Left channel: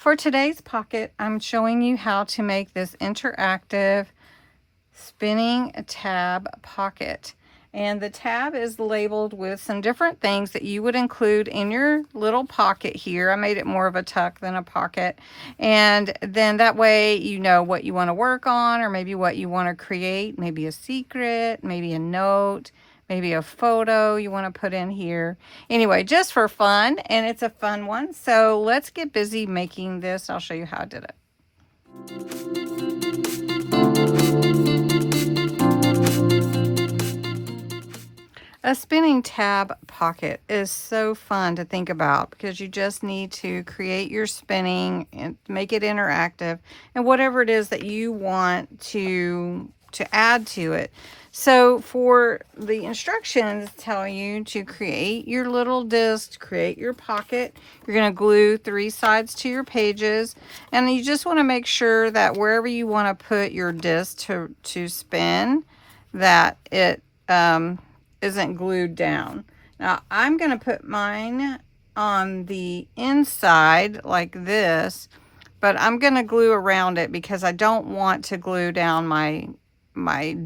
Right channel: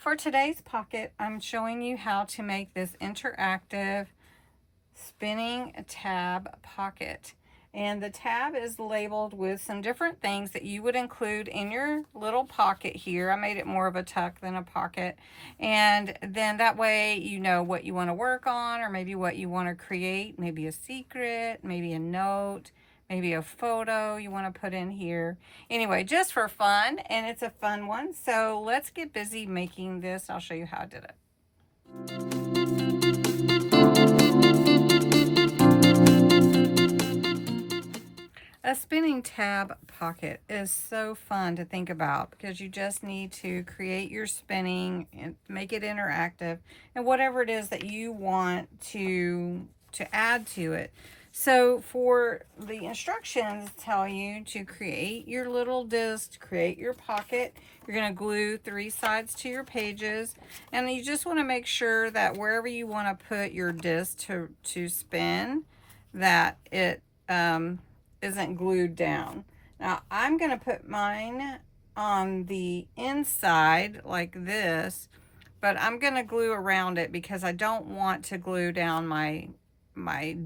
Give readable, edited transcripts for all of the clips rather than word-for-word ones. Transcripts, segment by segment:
For today's pocket, I'm showing you how to make this interactive spinning tab pocket. And the tab is labeled with some different things that you would include in your little pocket here. I made it more of a tuck than a pocket. And then that way you know what you want to work on, or maybe what you want to create, maybe a secret, maybe a note, maybe a photo you want to put in here. Anyway, just for fun, and it's a fun one. So let's get busy making this. I'll show you how I did it. A spinning tab pocket is so fun to think about because you just need to create your spinning and make it interactive and whatever it is that you want to add to it. So for the instructions tell you to create your little disc, create your pocket. You're going to glue 3 sides to your pages, and you just want to make sure that wherever you want to put your disc to spin, that it isn't glued down. Now I'm going to put mine on the inside like this, but I'm going to glue around it because I don't want to glue down my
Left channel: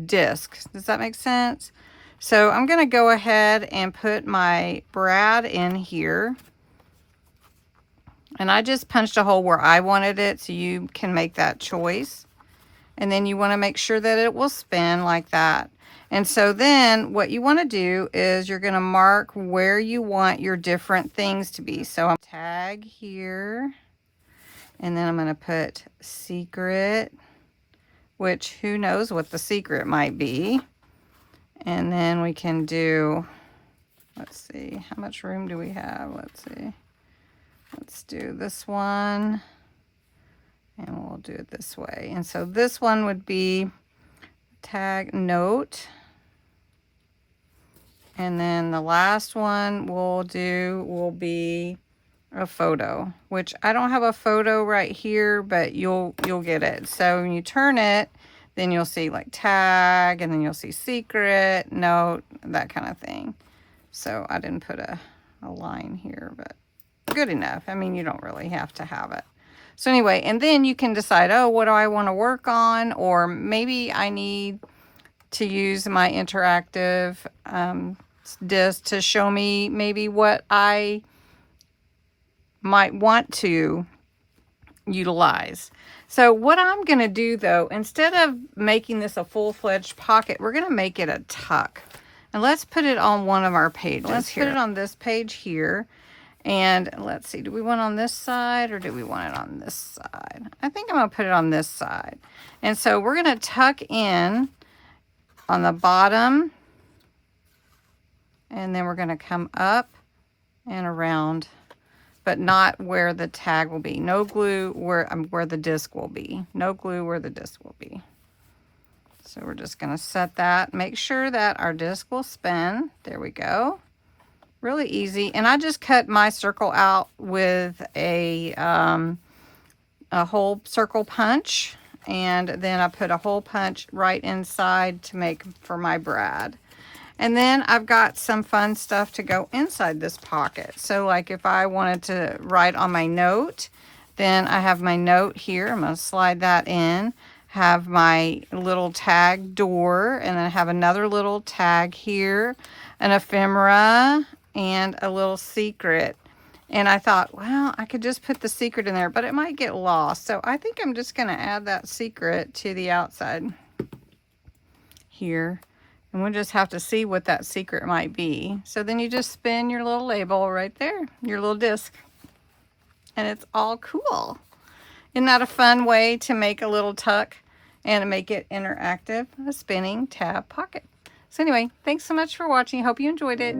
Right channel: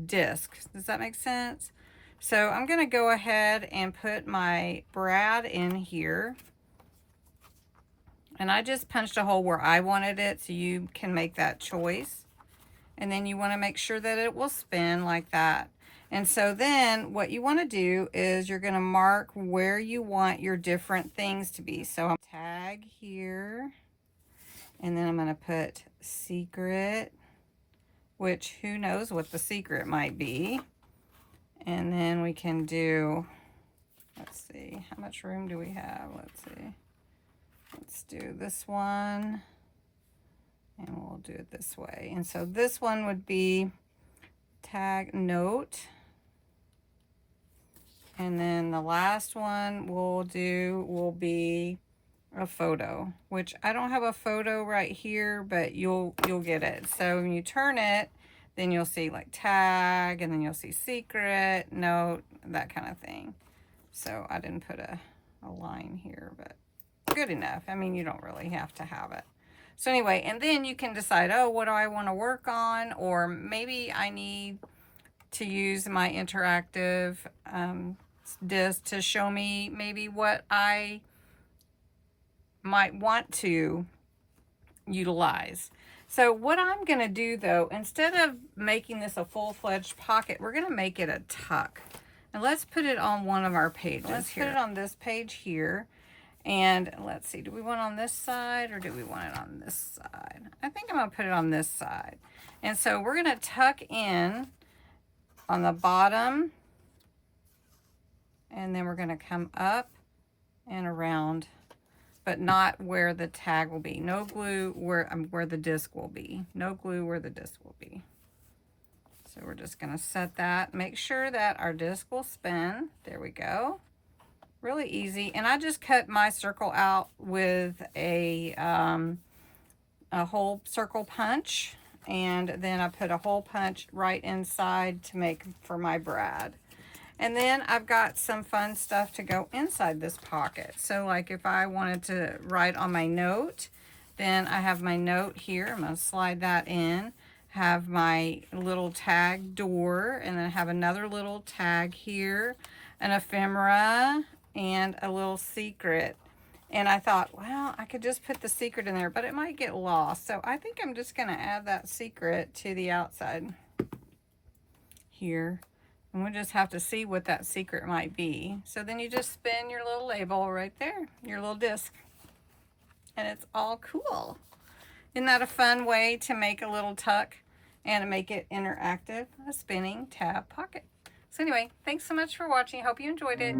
disc. Does that make sense? So I'm going to go ahead and put my brad in here, and I just punched a hole where I wanted it, so you can make that choice. And then you want to make sure that it will spin like that. And so then what you want to do is you're going to mark where you want your different things to be. So I'm tag here, and then I'm going to put secret, which who knows what the secret might be. And then we can do, let's see, how much room do we have? Let's see. Let's do this one, and we'll do it this way. And so this one would be tag note. And then the last one we'll do will be a photo, which I don't have a photo right here, but you'll get it. So when you turn it, then you'll see like tag, and then you'll see secret, note, that kind of thing. So I didn't put a line here, but good enough. I mean, you don't really have to have it. So anyway, and then you can decide, oh, what do I want to work on? Or maybe I need to use my interactive disc to show me maybe what I might want to utilize. So what I'm going to do though, instead of making this a full-fledged pocket, we're going to make it a tuck. And let's put it on one of our pages. Let's put it on this page here. And let's see, do we want it on this side or do we want it on this side? I think I'm going to put it on this side. And so we're going to tuck in on the bottom, and then we're going to come up and around, but not where the tag will be. No glue where the disc will be. No glue where the disc will be. So we're just going to set that. Make sure that our disc will spin. There we go. Really easy. And I just cut my circle out with a hole circle punch. And then I put a hole punch right inside to make for my brad. And then I've got some fun stuff to go inside this pocket. So like if I wanted to write on my note, then I have my note here. I'm going to slide that in. Have my little tag door, and then I have another little tag here, an ephemera, and a little secret. And I thought, well, I could just put the secret in there, but it might get lost. So I think I'm just going to add that secret to the outside here. And we'll just have to see what that secret might be. So then you just spin your little label right there, your little disc. And it's all cool. Isn't that a fun way to make a little tuck and make it interactive, a spinning tab pocket? So anyway, thanks so much for watching. Hope you enjoyed it.